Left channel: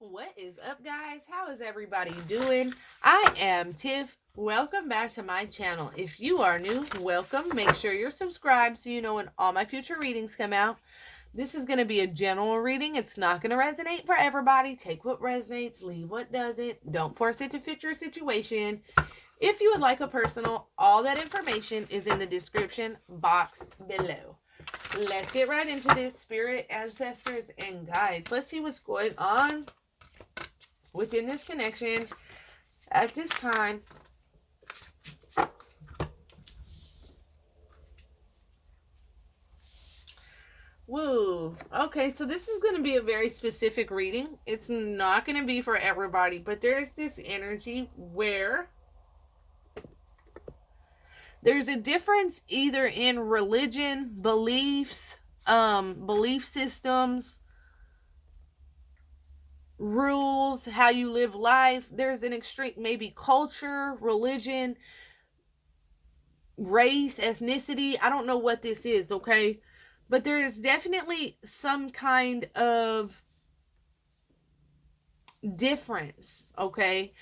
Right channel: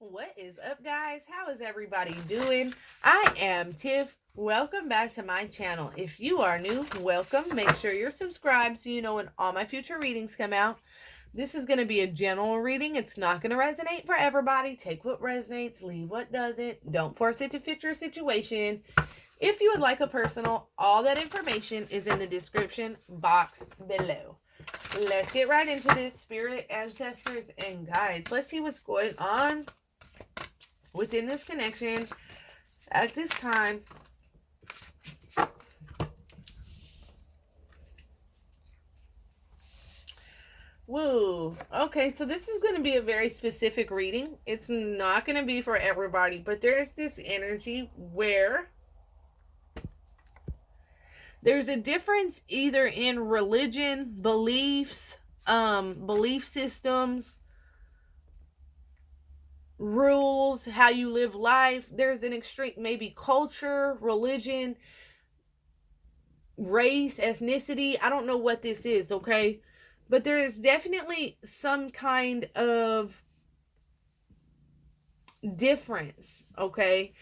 What is up, guys? How is everybody doing? I am Tiff. Welcome back to my channel. If you are new, welcome. Make sure you're subscribed so you know when all my future readings come out. This is going to be a general reading. It's not going to resonate for everybody. Take what resonates, leave what doesn't. Don't force it to fit your situation. If you would like a personal, all that information is in the description box below. Let's get right into this. Spirit, ancestors, and guides. Let's see what's going on within this connection at this time. Woo. Okay, so this is going to be a very specific reading. It's not going to be for everybody, but there's this energy where there's a difference either in religion, beliefs, belief systems, rules, how you live life. There's an extreme, maybe culture, religion, race, ethnicity. I don't know what this is, okay? But there is definitely some kind of difference, okay?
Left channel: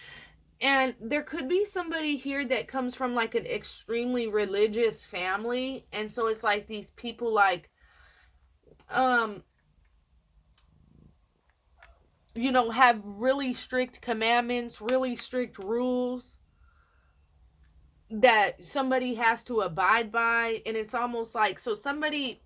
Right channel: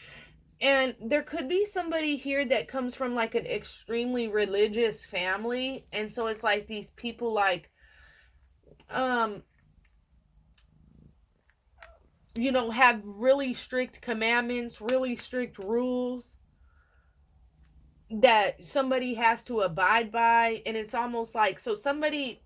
And there could be somebody here that comes from like an extremely religious family. And so it's like these people like, you know, have really strict commandments, really strict rules that somebody has to abide by. And it's almost like, so somebody,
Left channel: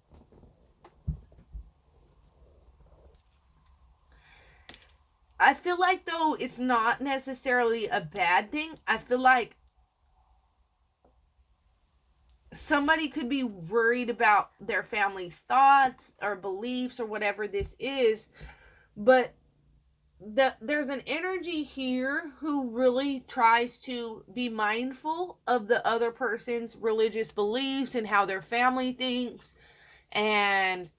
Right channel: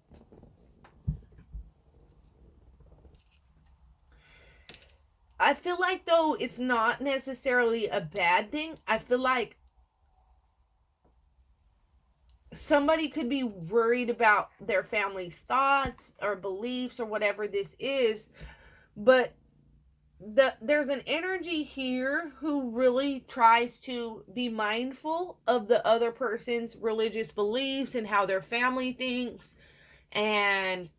I feel like though it's not necessarily a bad thing. I feel like somebody could be worried about their family's thoughts or beliefs or whatever this is, but there's an energy here who really tries to be mindful of the other person's religious beliefs and how their family thinks and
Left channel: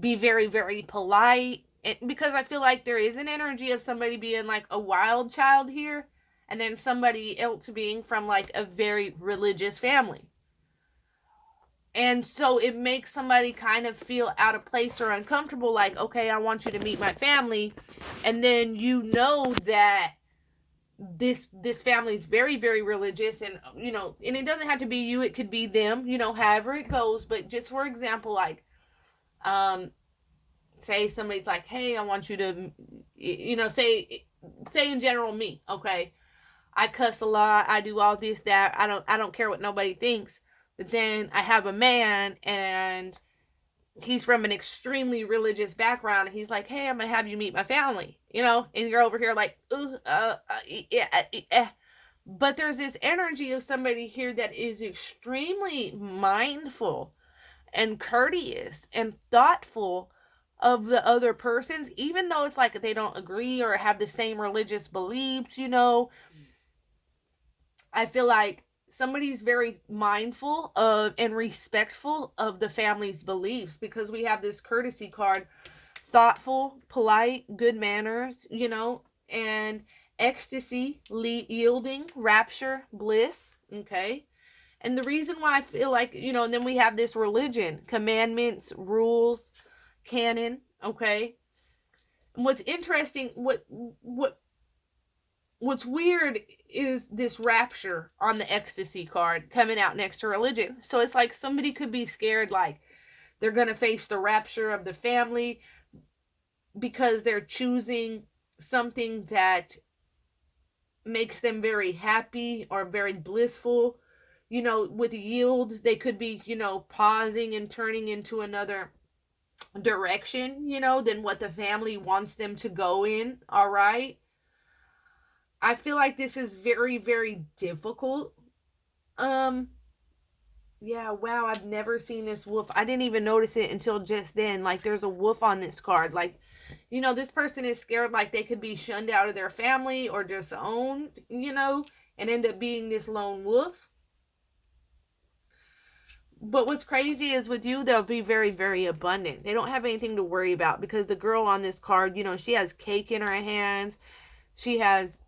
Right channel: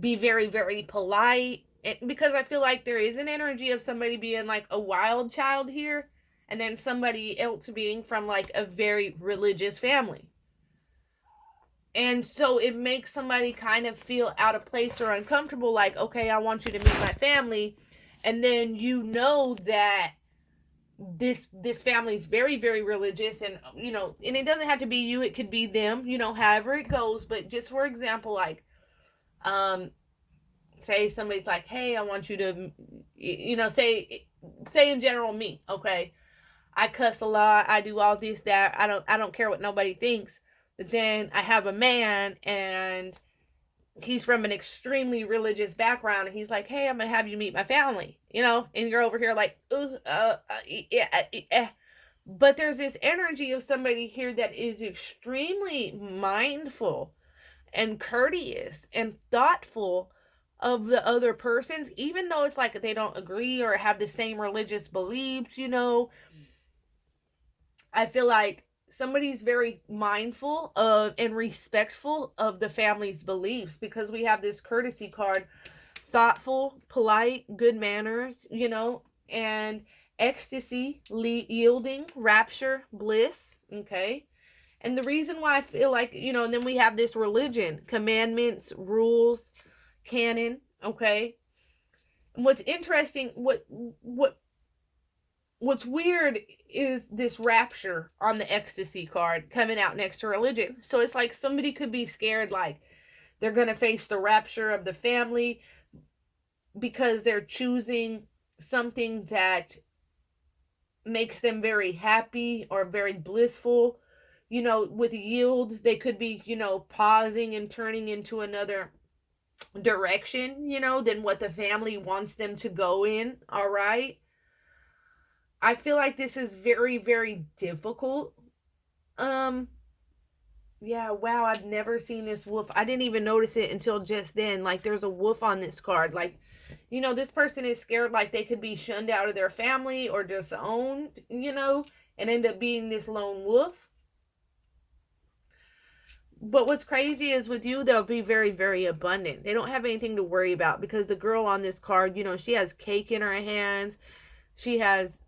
be very, very polite. Because I feel like there is an energy of somebody being like a wild child here and then somebody else being from like a very religious family. And so it makes somebody kind of feel out of place or uncomfortable, like, okay, I want you to meet my family. And then you know that this family is very, very religious, and, you know, and it doesn't have to be you, it could be them, you know, however it goes. But just for example, like, say somebody's like, hey, I want you to, you know, say in general me, okay, I cuss a lot, I do all this, that, I don't care what nobody thinks. But then I have a man and he's from an extremely religious background, and he's like, hey, I'm gonna have you meet my family, you know, and you're over here like, yeah. But there's this energy of somebody here that is extremely mindful and courteous and thoughtful of the other persons, even though it's like they don't agree or have the same religious beliefs, you know. I feel like somebody's very mindful of and respectful of the family's beliefs, because we have this courtesy card: thoughtful, polite, good manners, you know, and ecstasy, yielding, rapture, bliss, okay? And the reason why I feel like, you know, and then we have this religion, commandments, rules, canon, okay? And what's interesting, what's weird is this rapture on the ecstasy card coming out next to religion. So it's like somebody could be scared, like they're going to face the rapture of the family because they're choosing something that makes them very happy or very blissful. You know, with yield, they could be, you know, pausing and turning into another direction, you know, than what the family wants them to go in. All right. I feel like this is very, very difficult. Yeah, wow, I've never seen this wolf. I didn't even notice it until just then. Like, there's a wolf on this card. Like, you know, this person is scared like they could be shunned out of their family or disowned, you know, and end up being this lone wolf. But what's crazy is with you, they'll be very, very abundant. They don't have anything to worry about, because the girl on this card, you know, she has cake in her hands. She has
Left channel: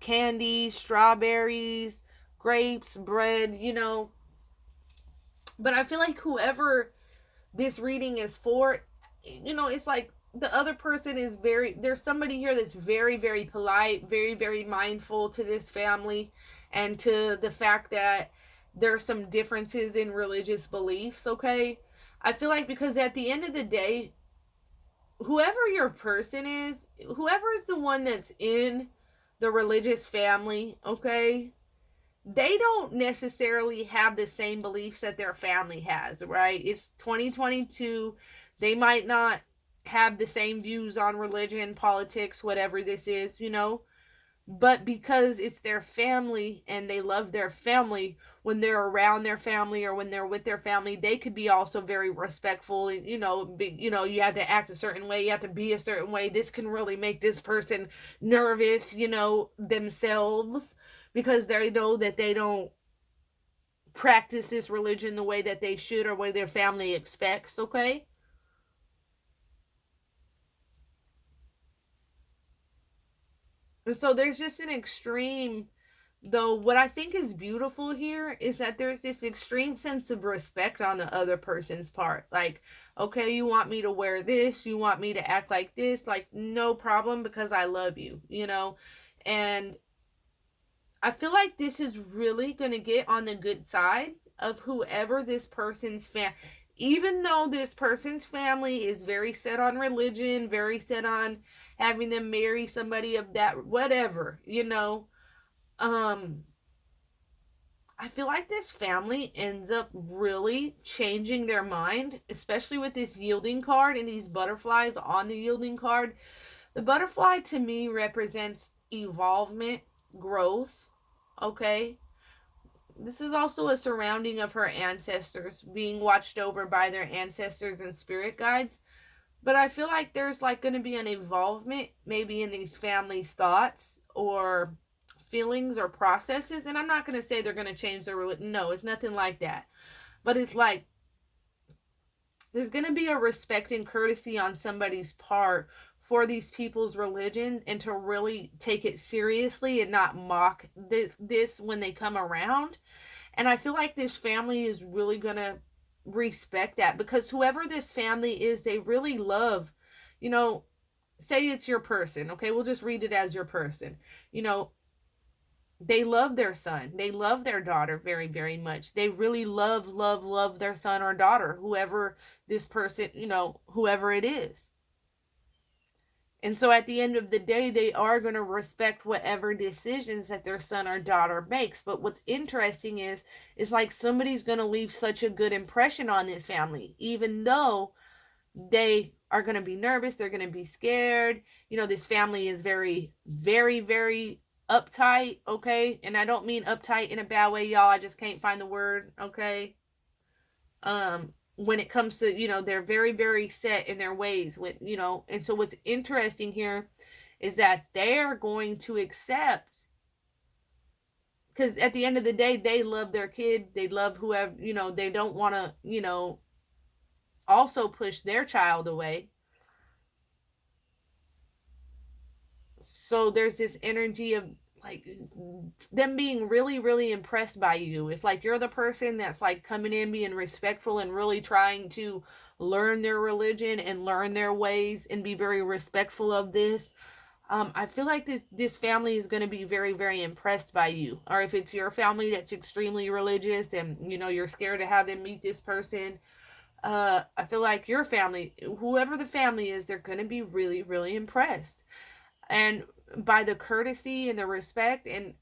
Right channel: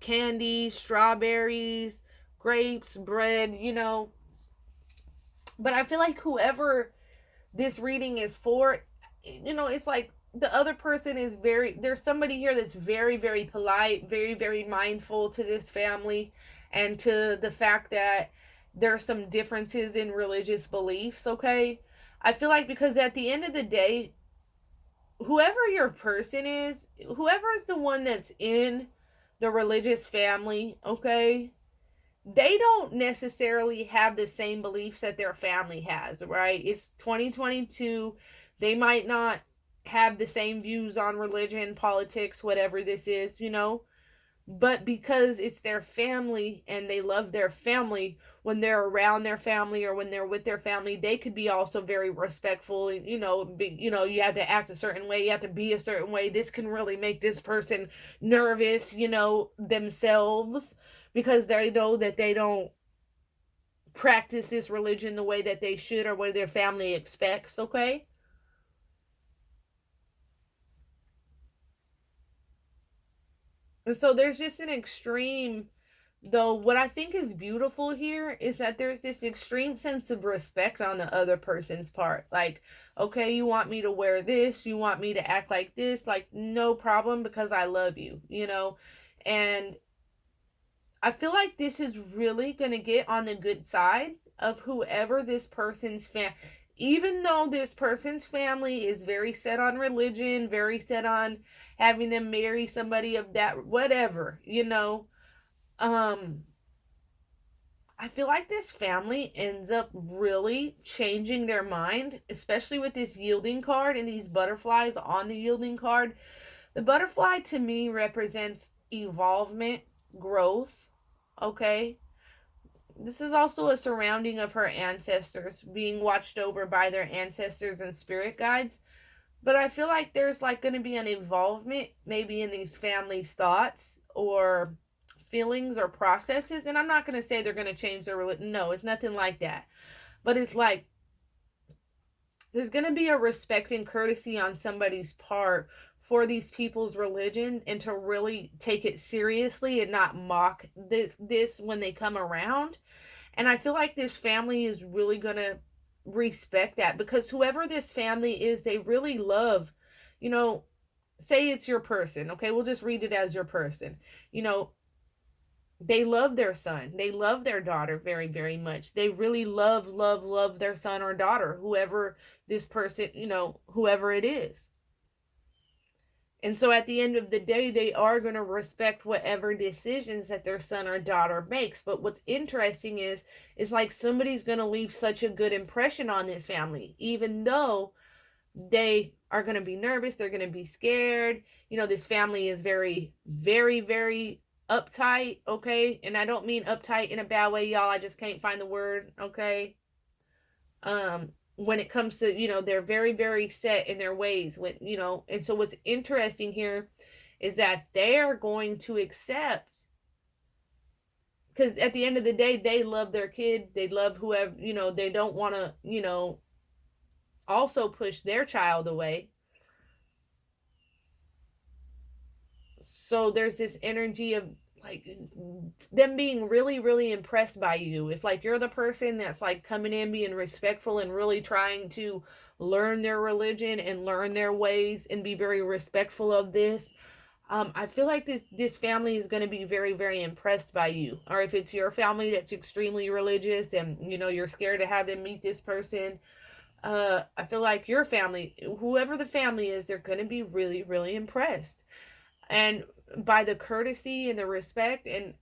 candy, strawberries, grapes, bread, you know. But I feel like whoever this reading is for, you know, it's like the other person is there's somebody here that's very, very polite, very, very mindful to this family and to the fact that there's some differences in religious beliefs, okay? I feel like because at the end of the day, whoever your person is, whoever is the one that's in the religious family, okay, they don't necessarily have the same beliefs that their family has, right? It's 2022. They might not have the same views on religion, politics, whatever this is, you know, but because it's their family and they love their family, when they're around their family or when they're with their family, they could be also very respectful. You know, you have to act a certain way, you have to be a certain way. This can really make this person nervous, you know, themselves, because they know that they don't practice this religion the way that they should or what their family expects, okay? And so there's just an extreme, though what I think is beautiful here is that there's this extreme sense of respect on the other person's part. Like, okay, you want me to wear this, you want me to act like this, like, no problem, because I love you, you know? And I feel like this is really going to get on the good side of whoever this person's even though this person's family is very set on religion, very set on having them marry somebody of that, whatever, you know, I feel like this family ends up really changing their mind, especially with this yielding card and these butterflies on the yielding card. The butterfly to me represents evolvement, growth, okay? This is also a surrounding of her ancestors, being watched over by their ancestors and spirit guides. But I feel like there's like going to be an involvement maybe in these families' thoughts or feelings or processes. And I'm not going to say they're going to change their religion. No, it's nothing like that. But it's like there's going to be a respect and courtesy on somebody's part for these people's religion, and to really take it seriously and not mock this when they come around. And I feel like this family is really going to respect that, because whoever this family is, they really love, you know, say it's your person, okay? We'll just read it as your person. You know, they love their son. They love their daughter very, very much. They really love their son or daughter, whoever this person, you know, whoever it is. And so at the end of the day, they are going to respect whatever decisions that their son or daughter makes. But what's interesting is like somebody's going to leave such a good impression on this family, even though they are going to be nervous. They're going to be scared. You know, this family is very, very, very uptight, okay? And I don't mean uptight in a bad way, y'all. I just can't find the word, okay? When it comes to, you know, they're very, very set in their ways with, you know. And so what's interesting here is that they're going to accept, because at the end of the day, they love their kid, they love whoever, you know, they don't want to, you know, also push their child away. So there's this energy of like them being really, really impressed by you. If like you're the person that's like coming in being respectful and really trying to learn their religion and learn their ways and be very respectful of this, I feel like this family is going to be very, very impressed by you. Or if it's your family that's extremely religious and, you know, you're scared to have them meet this person, I feel like your family, whoever the family is, they're going to be really, really impressed. And by the courtesy and the respect, and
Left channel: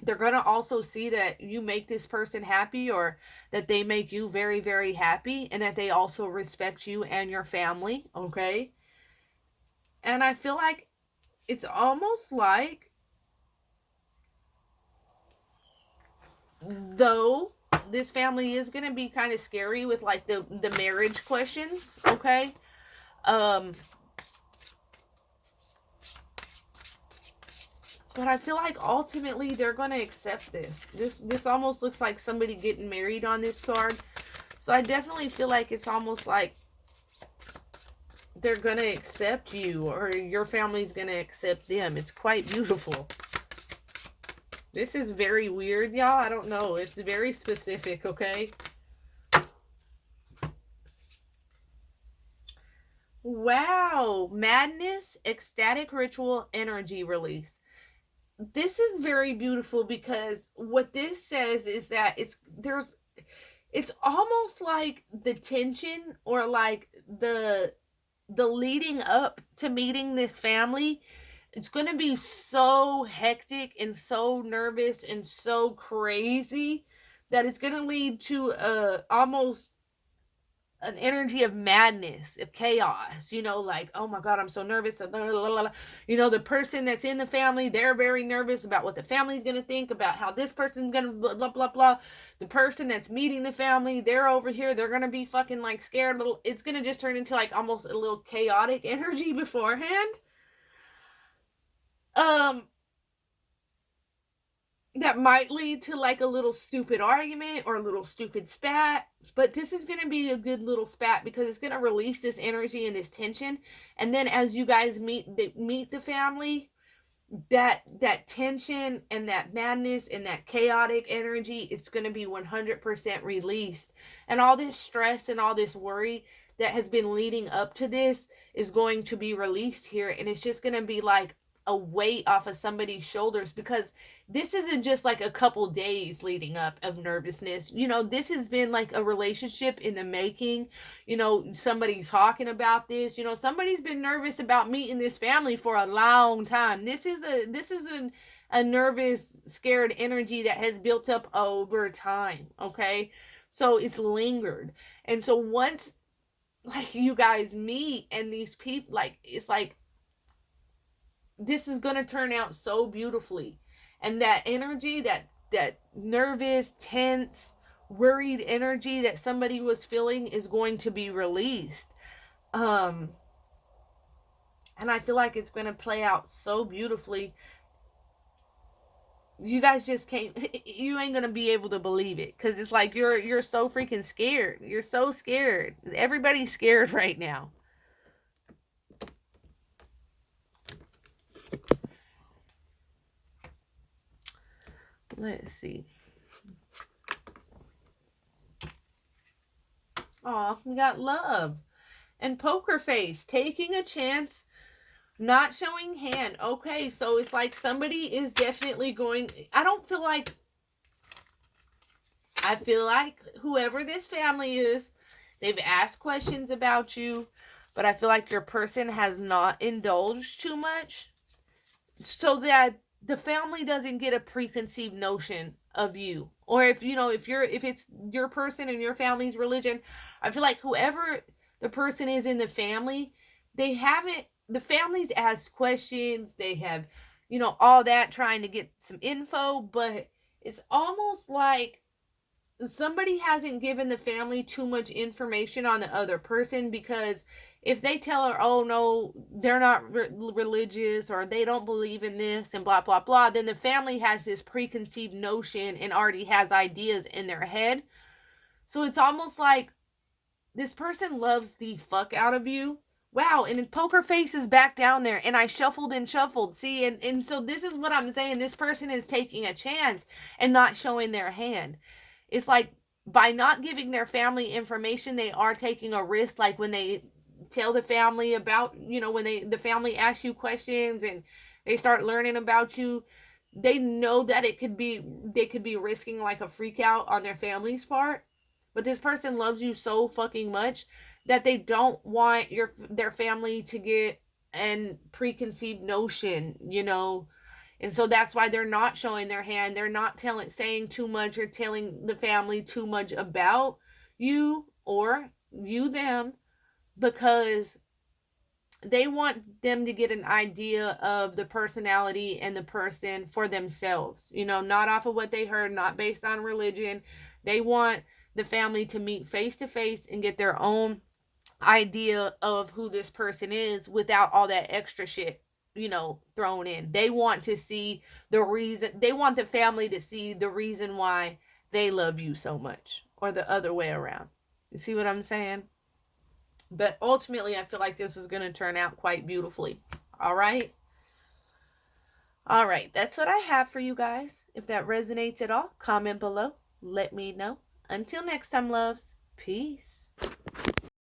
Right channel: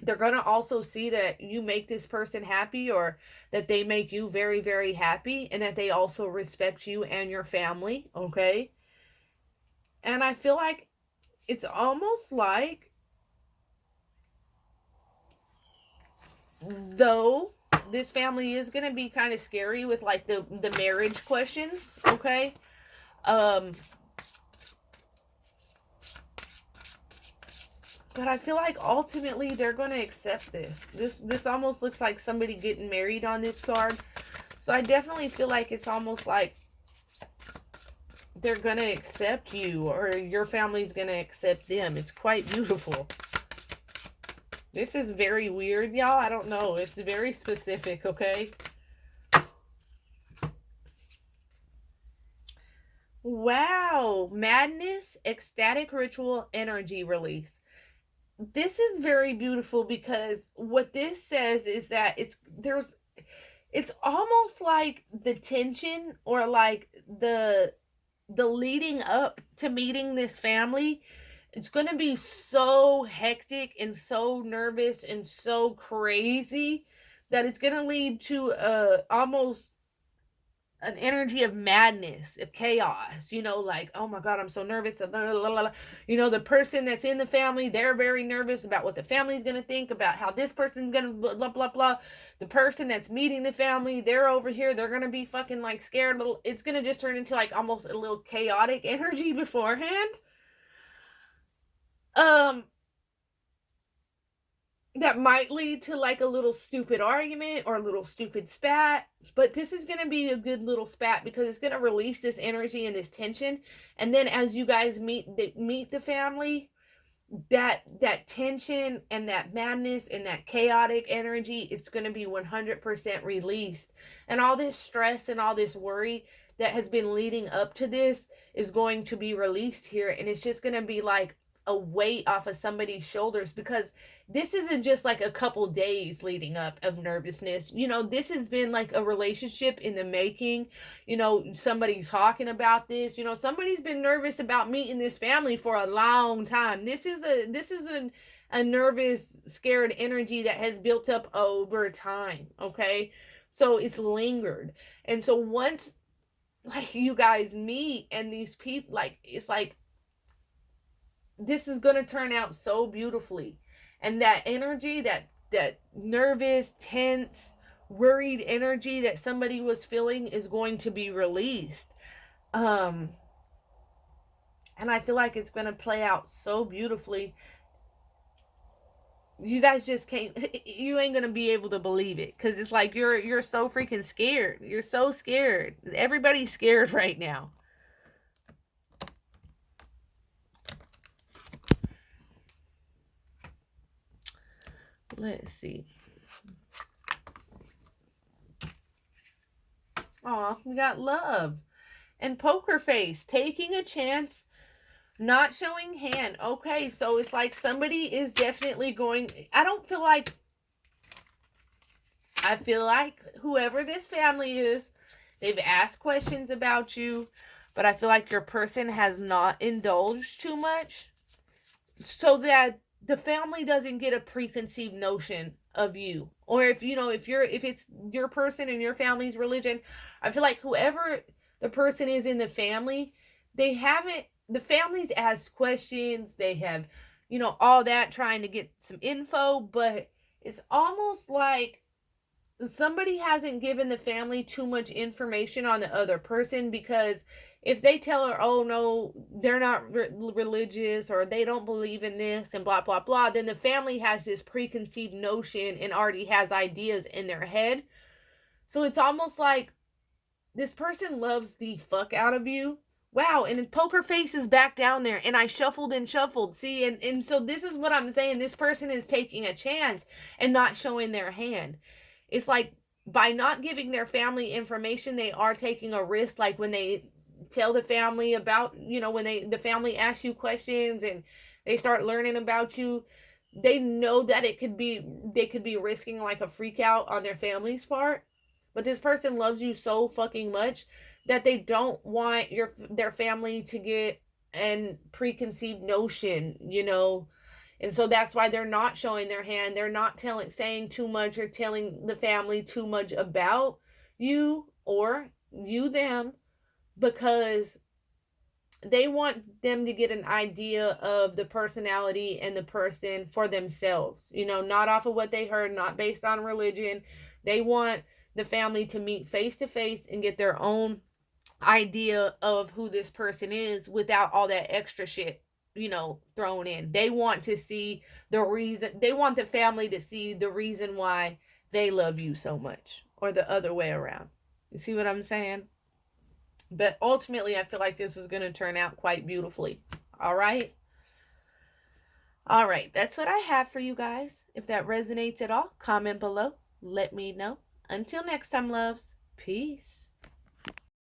they're going to also see that you make this person happy, or that they make you very, very happy, and that they also respect you and your family, okay? And I feel like it's almost like, though this family is going to be kind of scary with like the marriage questions, okay? But I feel like ultimately they're going to accept this. This almost looks like somebody getting married on this card. So I definitely feel like it's almost like they're going to accept you, or your family's going to accept them. It's quite beautiful. This is very weird, y'all. I don't know. It's very specific, okay? Wow. Madness, ecstatic ritual, energy release. This is very beautiful because what this says is that it's almost like the tension or like the leading up to meeting this family. It's going to be so hectic and so nervous and so crazy that it's going to lead to almost an energy of madness, of chaos, like, oh my God, I'm so nervous. The person that's in the family, they're very nervous about what the family's going to think, about how this person's going to blah, blah, blah, blah. The person that's meeting the family, they're over here, they're going to be fucking like scared. It's going to just turn into like almost a little chaotic energy beforehand. That might lead to like a little stupid argument or a little stupid spat, but this is going to be a good little spat because it's going to release this energy and this tension. And then as you guys meet the family, that tension and that madness and that chaotic energy, it's going to be 100% released. And all this stress and all this worry that has been leading up to this is going to be released here, and it's just going to be like a weight off of somebody's shoulders, because this isn't just like a couple days leading up of nervousness. This has been like a relationship in the making. Somebody's talking about this. Somebody's been nervous about meeting this family for a long time. This is a nervous, scared energy that has built up over time. Okay, so it's lingered, and so once like you guys meet and these people, like, it's like this is going to turn out so beautifully. And that energy, that nervous, tense, worried energy that somebody was feeling is going to be released. And I feel like it's going to play out so beautifully. You guys just can't, you ain't going to be able to believe it, because it's like you're so freaking scared. You're so scared. Everybody's scared right now. Let's see. Oh, we got love. And poker face, taking a chance, not showing hand. Okay, so it's like somebody is definitely going, I feel like whoever this family is, they've asked questions about you, but I feel like your person has not indulged too much, so that the family doesn't get a preconceived notion of you. Or if it's your person and your family's religion, I feel like whoever the person is in the family, the family's asked questions, they have, all that, trying to get some info, but it's almost like somebody hasn't given the family too much information on the other person, because if they tell her, oh no, they're not religious, or they don't believe in this and blah blah blah, then the family has this preconceived notion and already has ideas in their head. So it's almost like this person loves the fuck out of you. Wow, and poker face is back down there, and I shuffled and shuffled. See, and so this is what I'm saying. This person is taking a chance and not showing their hand. It's like, by not giving their family information, they are taking a risk. Like when they tell the family about, when the family asks you questions and they start learning about you, they know that they could be risking like a freak out on their family's part. But this person loves you so fucking much that they don't want their family to get an preconceived notion, And so that's why they're not showing their hand. They're not saying too much or telling the family too much about you or you them, because they want them to get an idea of the personality and the person for themselves, not off of what they heard, not based on religion. They want the family to meet face to face and get their own idea of who this person is without all that extra shit, thrown in. They want to see the reason, they want the family to see the reason why they love you so much, or the other way around. You see what I'm saying? But ultimately, I feel like this is going to turn out quite beautifully. All right? All right, that's what I have for you guys. If that resonates at all, comment below. Let me know. Until next time, loves. Peace.